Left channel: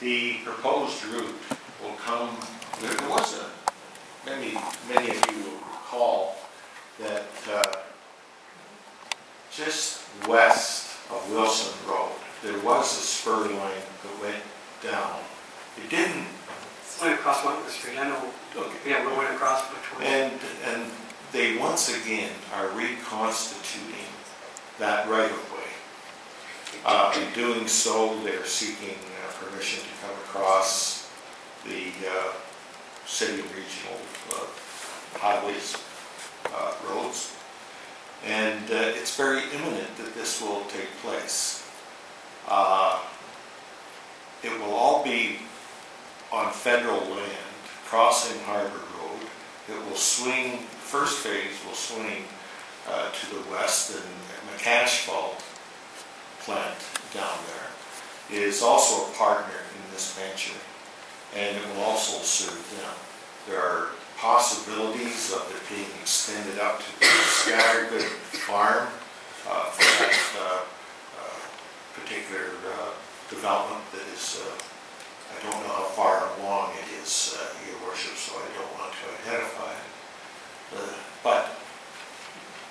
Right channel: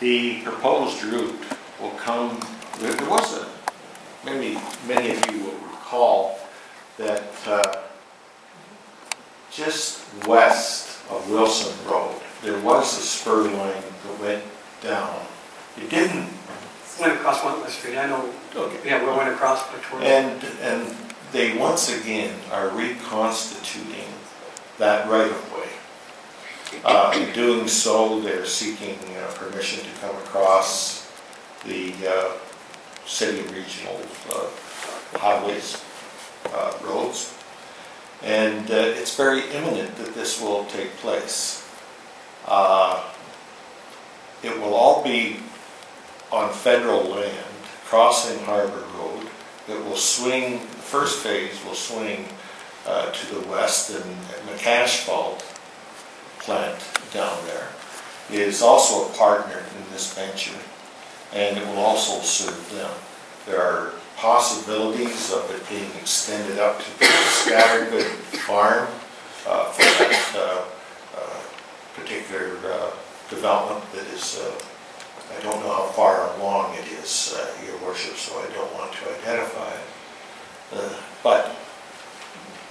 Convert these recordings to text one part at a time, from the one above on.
The proposed route will come, there was a, many of you will recall that just west of Wilson Road, there was a spur line that went down. It didn't... Went across Wentworth Street, I know. Okay. Yeah, we went across towards... And they once again are reconstituting that right-of-way. In doing so, they're seeking permission to come across the city and regional highways, roads. And it's very imminent that this will take place. It will all be on federal land, crossing Harbour Road. It will swing, the first phase will swing to the west, and McAsphalt plant down there is also a partner in this venture, and it will also serve them. There are possibilities of it being extended up to the Scattergood farm for that particular development that is, I don't know how far along it is, Your Worship, so I don't want to identify it. But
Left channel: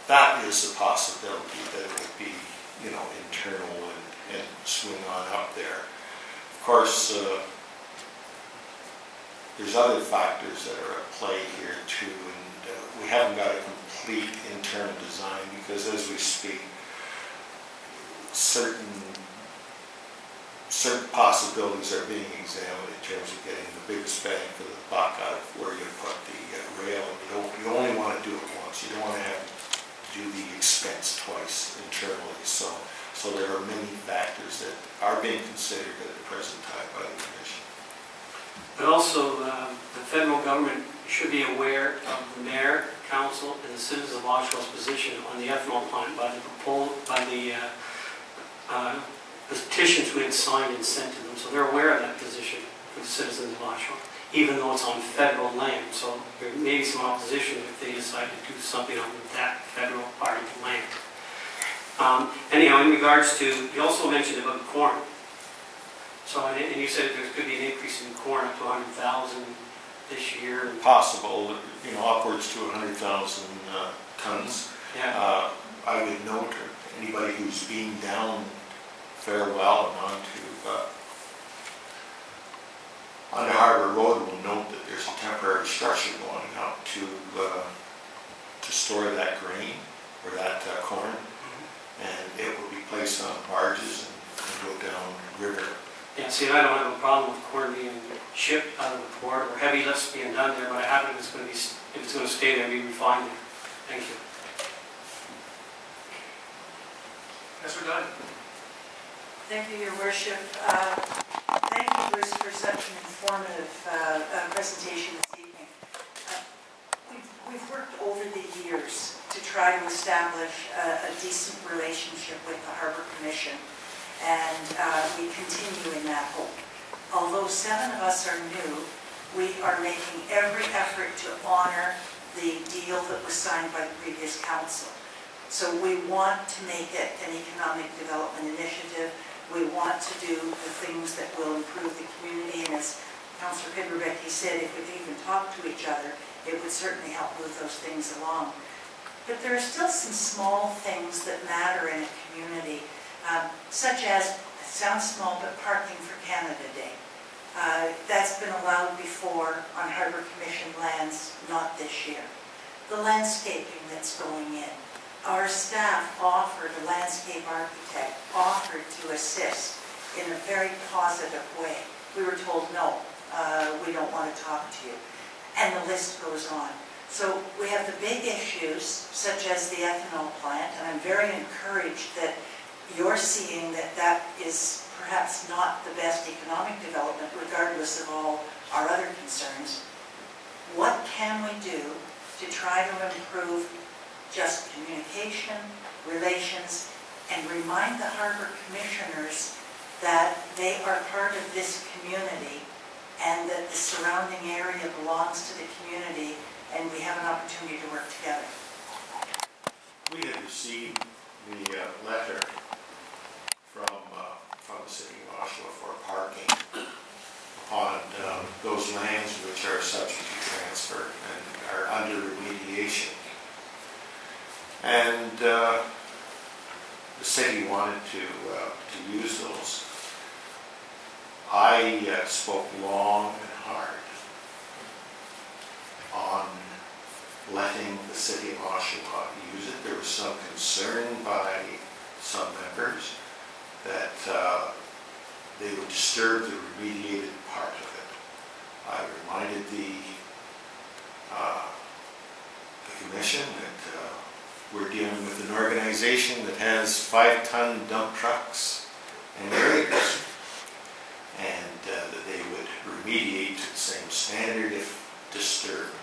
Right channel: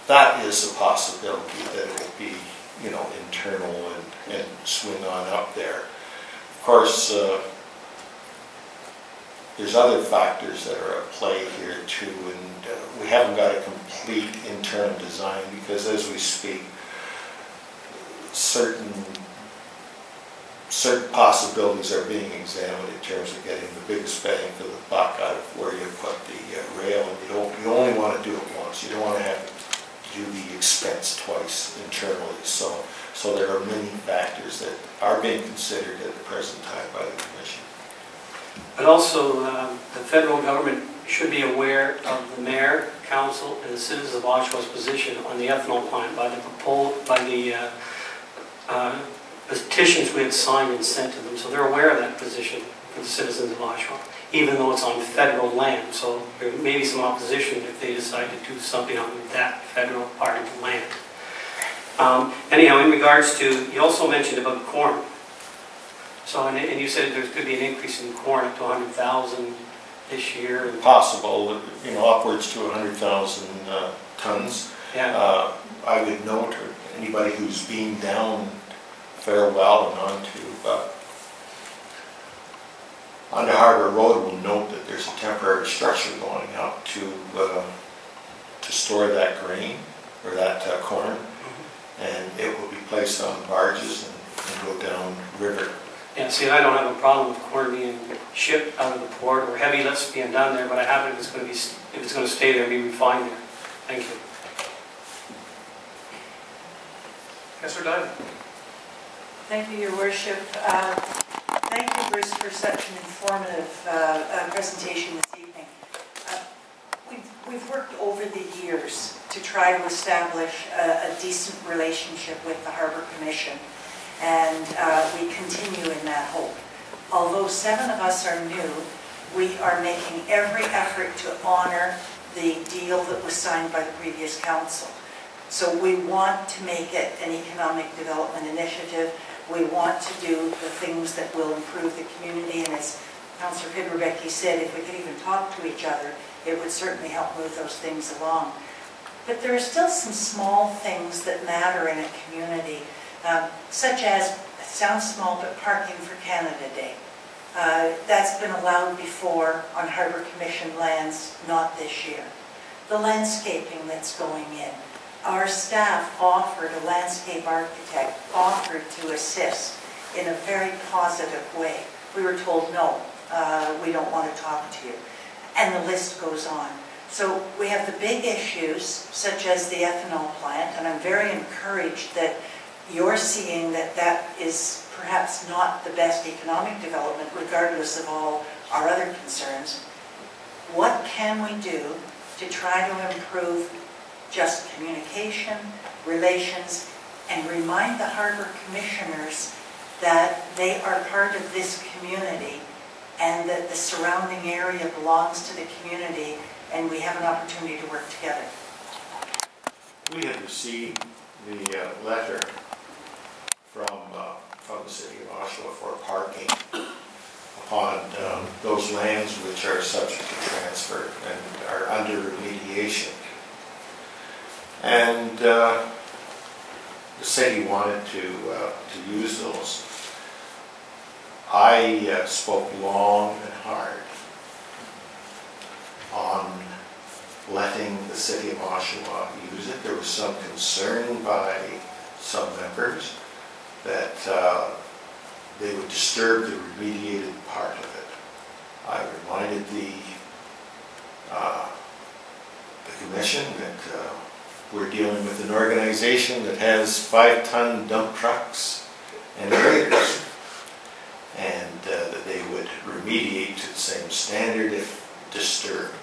that is a possibility that it will be, you know, internal and swing on up there. Of course, there's other factors that are at play here too, and we haven't got a complete internal design because as we speak, certain possibilities are being examined in terms of getting the biggest bang for the buck out of where you put the rail, and you only want to do it once. You don't want to have to do the expense twice internally. So there are many factors that are being considered at the present time by the Commission. But also, the federal government should be aware of the mayor, council, and the citizens of Oshawa's position on the ethanol plant by the petitions we had signed and sent to them. So they're aware of that position for the citizens of Oshawa, even though it's on federal land. So there may be some opposition if they decide to do something on that federal part of the land. Anyhow, in regards to, you also mentioned about corn. So, and you said there could be an increase in corn up to 100,000 this year. Possible, you know, upwards to 100,000 tons. Yeah. I would note anybody who's been down Farewell and onto Harbour Road will note that there's a temporary structure going up to store that grain or that corn, and it will be placed on barges and go down river. Yeah, see, I don't have a problem with corn being shipped out of the port or heavy lifts being done there, but I have it if it's going to stay there, be refined there. Thank you. Councillor Dutton. Thank you, Your Worship. Thank you, Bruce, for such an informative presentation this evening. We've worked over the years to try to establish a decent relationship with the Harbour Commission, and we continue in that hope. Although 7 of us are new, we are making every effort to honour the deal that was signed by the previous council. So we want to make it an economic development initiative. We want to do the things that will improve the community, and as Councillor Pidrebecki said, if we could even talk to each other, it would certainly help move those things along. But there are still some small things that matter in a community, such as, it sounds small, but Parking for Canada Day. That's been allowed before on Harbour Commission lands, not this year. The landscaping that's going in. Our staff offered, a landscape architect offered to assist in a very positive way. We were told, no, we don't want to talk to you. And the list goes on. So we have the big issues, such as the ethanol plant, and I'm very encouraged that you're seeing that that is perhaps not the best economic development, regardless of all our other concerns. What can we do to try to improve just communication, relations, and remind the Harbour Commissioners that they are part of this community and that the surrounding area belongs to the community, and we have an opportunity to work together. We had received the letter from the city of Oshawa for parking, upon those lands which are subject to transfer and are under remediation. And the city wanted to use those. I spoke long and hard on letting the city of Oshawa use it. There was some concern by some members that they would disturb the remediated part of it. I reminded the commission that we're dealing with an organization that has 5-ton dump trucks and trailers, and that they would remediate to the same standard if disturbed.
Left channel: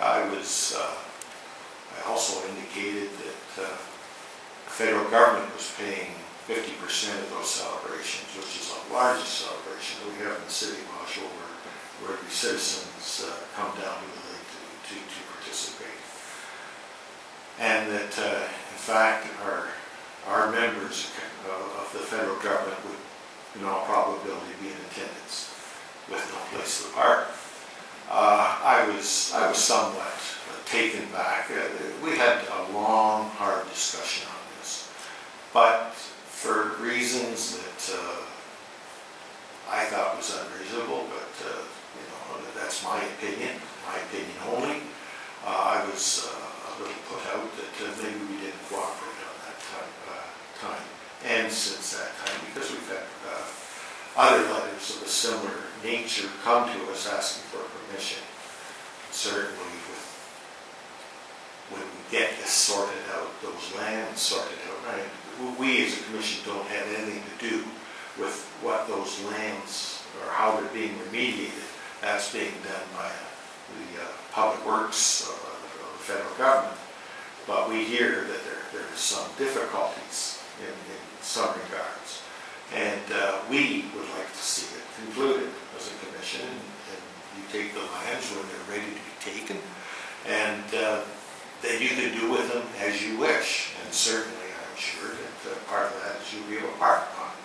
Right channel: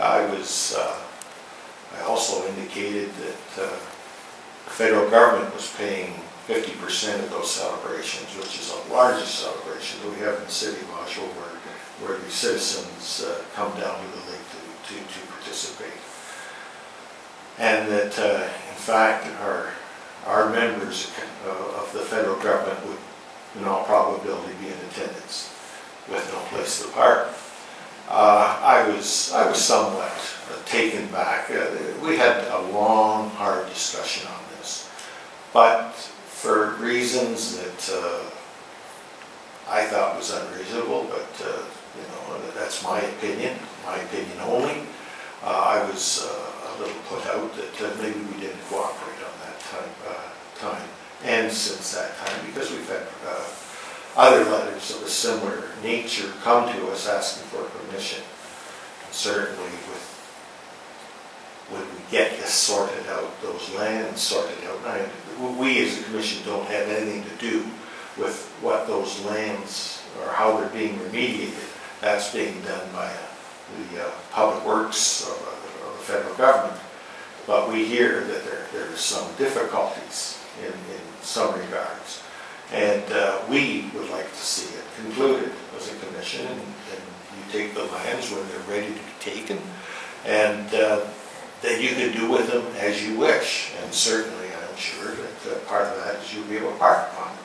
I also indicated that the federal government was paying 50% of those celebrations, which is the largest celebration that we have in the city of Oshawa, where the citizens come down to the lake to participate. And that, in fact, our members of the federal government would, in all probability, be in attendance with no place to park. I was somewhat taken back. We had a long, hard discussion on this, but for reasons that I thought was unreasonable, but that's my opinion only. I was a little put out that maybe we didn't cooperate on that time. And since that time, because we've had other letters of a similar nature come to us asking for permission. And certainly when we get this sorted out, those lands sorted out, we as a commission don't have anything to do with what those lands or how they're being remediated. That's being done by the public works of the federal government. But we hear that there are some difficulties in some regards. And we would like to see it concluded as a commission, and you take the lands when they're ready to be taken, and that you can do with them as you wish. And certainly I'm sure that part of that is you'll be able to park on it.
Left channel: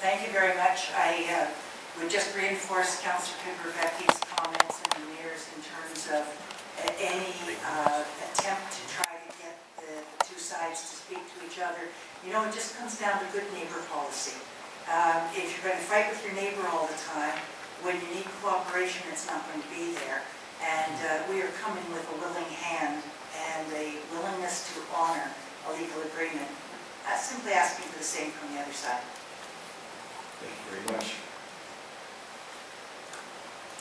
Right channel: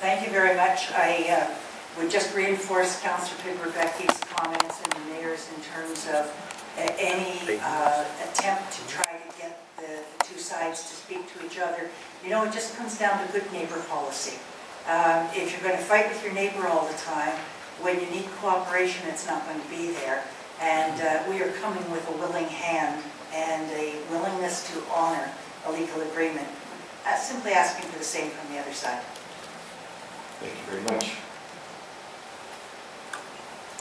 Thank you very much. I would just reinforce Councillor Pigrebecki's comments and the mayor's in terms of any attempt to try to get the two sides to speak to each other. You know, it just comes down to good neighbor policy. If you're going to fight with your neighbor all the time, when you need cooperation, it's not going to be there. And we are coming with a willing hand and a willingness to honor a legal agreement. Simply asking for the same from the other side. Thank you very much.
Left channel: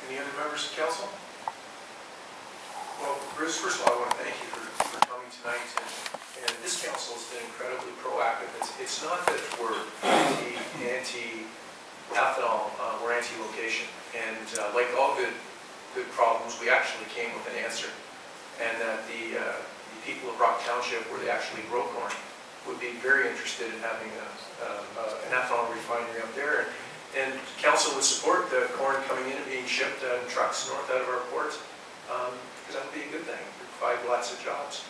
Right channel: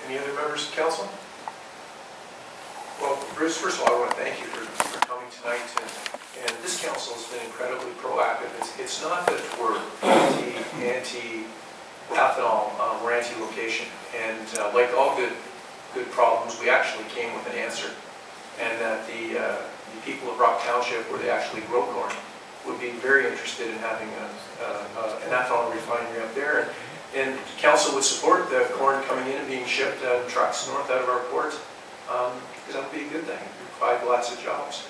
Any other members of council? Well, Bruce, first of all, I want to thank you for coming tonight. And this council has been incredibly proactive. It's not that we're anti-ethanol, we're anti-location. And like all good problems, we actually came with an answer. And that the people of Rock Township, where they actually grow corn, would be very interested in having an ethanol refinery up there. And council would support the corn coming in and being shipped in trucks north out of our port, because that would be a good thing. It would provide lots of jobs.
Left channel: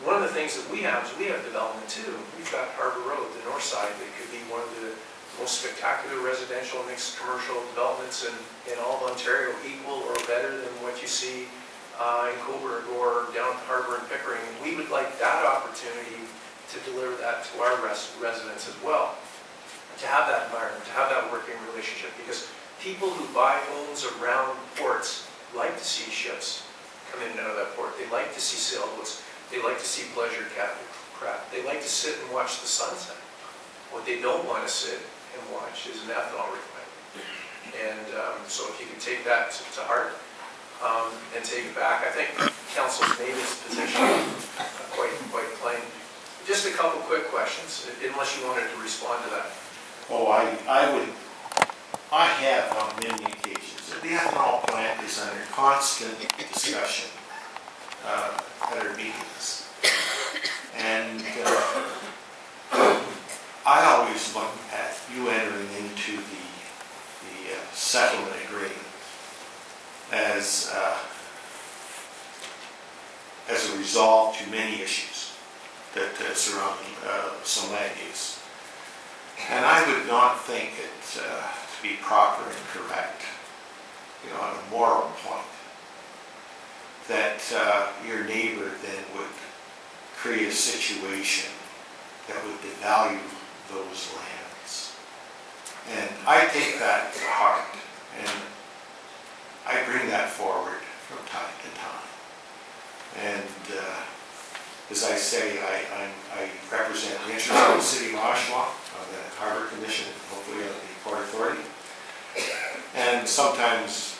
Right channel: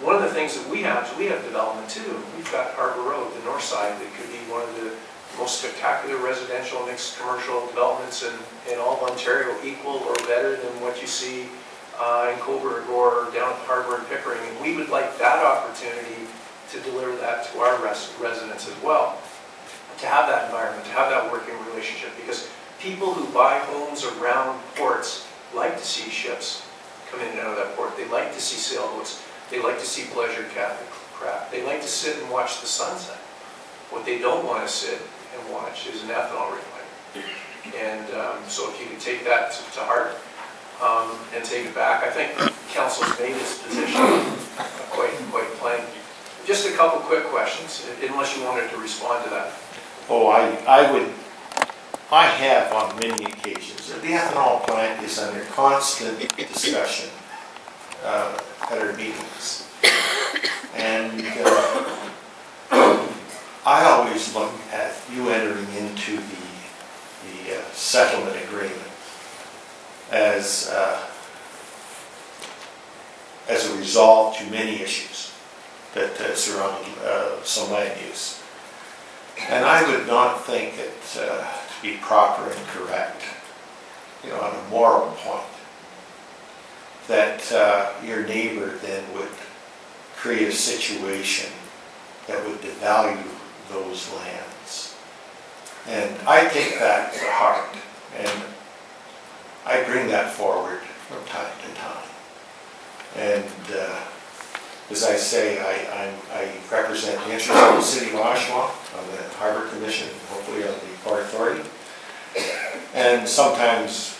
One of the things that we have is we have development too. We've got Harbour Road, the north side, that could be one of the most spectacular residential mixed commercial developments in all of Ontario, equal or better than what you see in Cobourg or down at the Harbour and Pickering. And we would like that opportunity to deliver that to our residents as well. To have that environment, to have that working relationship, because people who buy homes around ports like to see ships come in and out of that port. They like to see sailboats. They like to see pleasure craft. They like to sit and watch the sunset. What they don't want to sit and watch is an ethanol refinery. And so if you could take that to heart and take it back, I think council's made its position quite plain. Just a couple quick questions, unless you wanted to respond to that. Oh, I have on many occasions. The ethanol plant is under constant discussion at our meetings. And I always look at you entering into the settlement agreement as a resolve to many issues that surround some land use. And I would not think it to to be proper and correct, on a moral point, that your neighbor then would create a situation that would devalue those lands. And I take that to heart, and I bring that forward from time to time. And as I say, I represent the interests of the City of Oshawa on the Harbour Commission, and hopefully on the Port Authority. And sometimes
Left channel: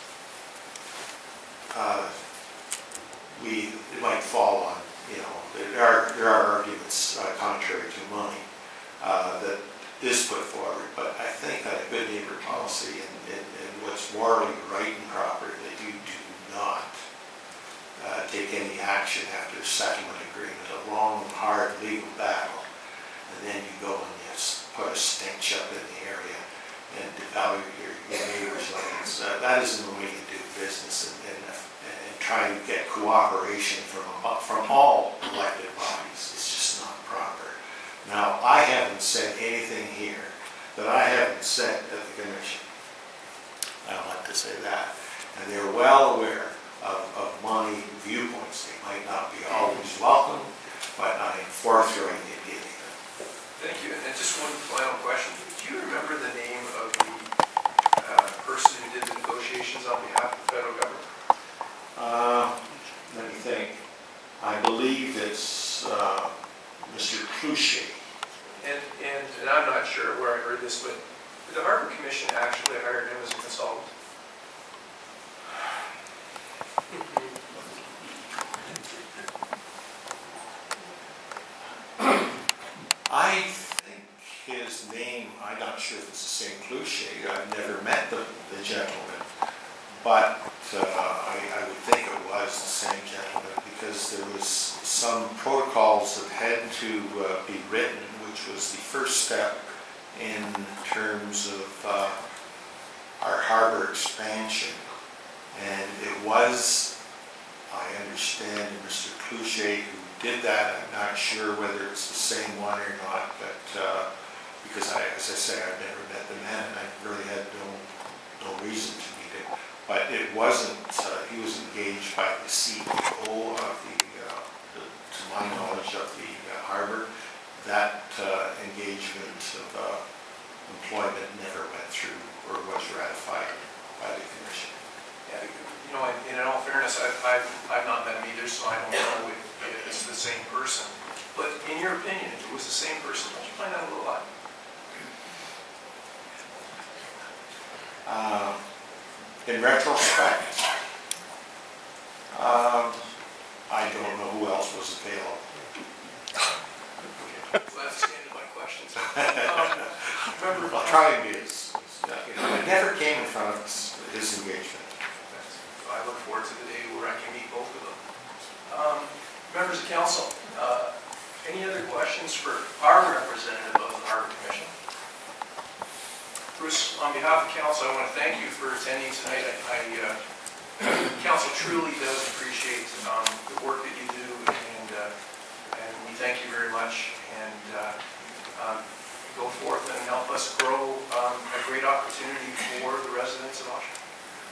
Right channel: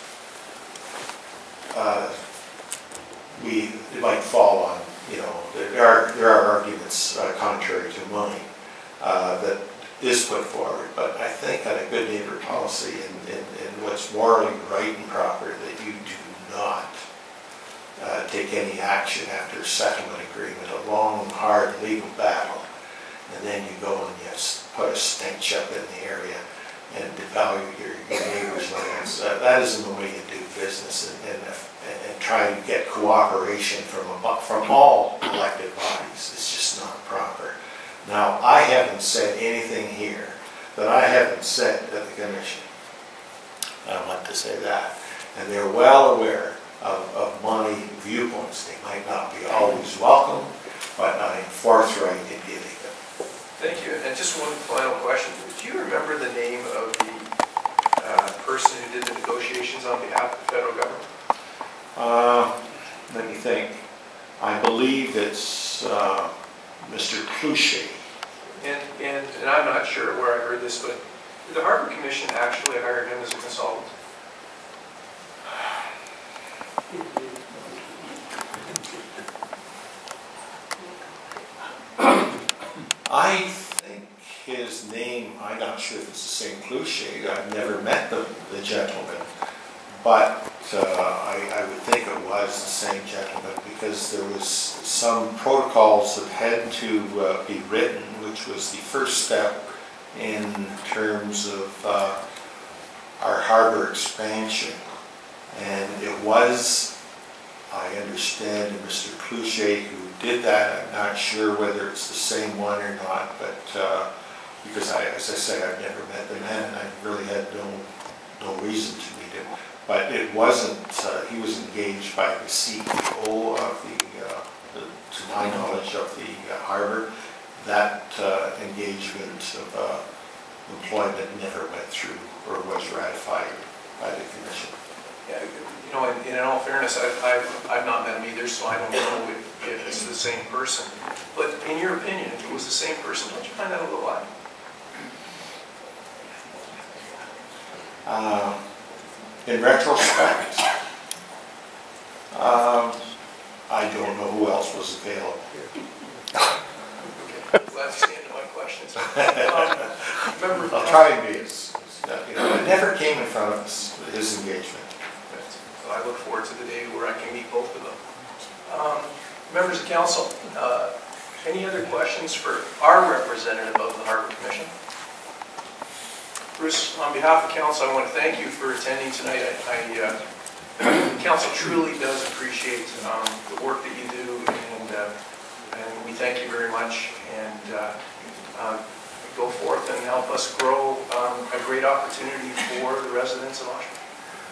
it might fall on, there are arguments contrary to mine that is put forward, but I think that a good neighbor policy and what's morally right and proper, that you do not take any action after a settlement agreement, a long, hard legal battle, and then you go and you put a stench up in the area and devalue your neighbor's lands. That isn't the way you do business, and try to get cooperation from all elected bodies. It's just not proper. Now, I haven't said anything here that I haven't said at the Commission. I want to say that. And they're well aware of my viewpoints. They might not be always welcome, but I am forthright in giving them. Thank you. And just one final question. Do you remember the name of the person who did the negotiations on behalf of the federal government? Let me think. I believe it's Mr. Clouchet. And I'm not sure where I heard this, but did the Harbour Commission actually hire him as a consultant? I think his name, I'm not sure if it's the same Clouchet. I've never met the gentleman, but I would think it was the same gentleman, because there was some protocols that had to be written, which was the first step in terms of our harbour expansion. And it was, I understand, Mr. Clouchet who did that. I'm not sure whether it's the same one or not, but because as I say, I've never met the man, and I really had no reason to meet him. But it wasn't, he was engaged by the CEO of to my knowledge, of the harbour. That engagement of employment never went through or was ratified by the Commission. Yeah, in all fairness, I've not met him either, so I don't know if it's the same person. But in your opinion, if it was the same person, don't you find that a little odd? In retrospect, I don't know who else was available. Okay, well, that's the end of my questions. I'll try and be as it never came in front of us, his engagement. So I look forward to the day where I can meet both of them. Members of Council, any other questions for our representative of the Harbour Commission? Bruce, on behalf of Council, I want to thank you for attending tonight. Council truly does appreciate the work that you do, and we thank you very much. And go forth and help us grow a great opportunity for the residents of Oshawa.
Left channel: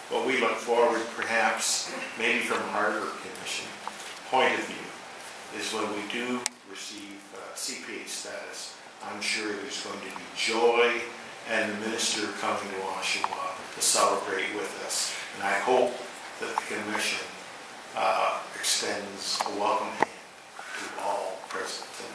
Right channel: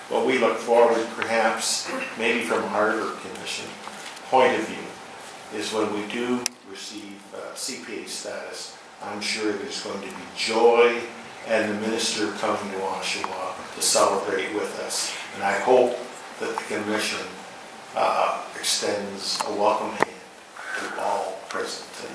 Well, we look forward, perhaps, maybe from a Harbour Commission point of view, is when we do receive CPA status, I'm sure there's going to be joy and the minister coming to Oshawa to celebrate with us. And I hope that the Commission extends a welcome hand to all present tonight.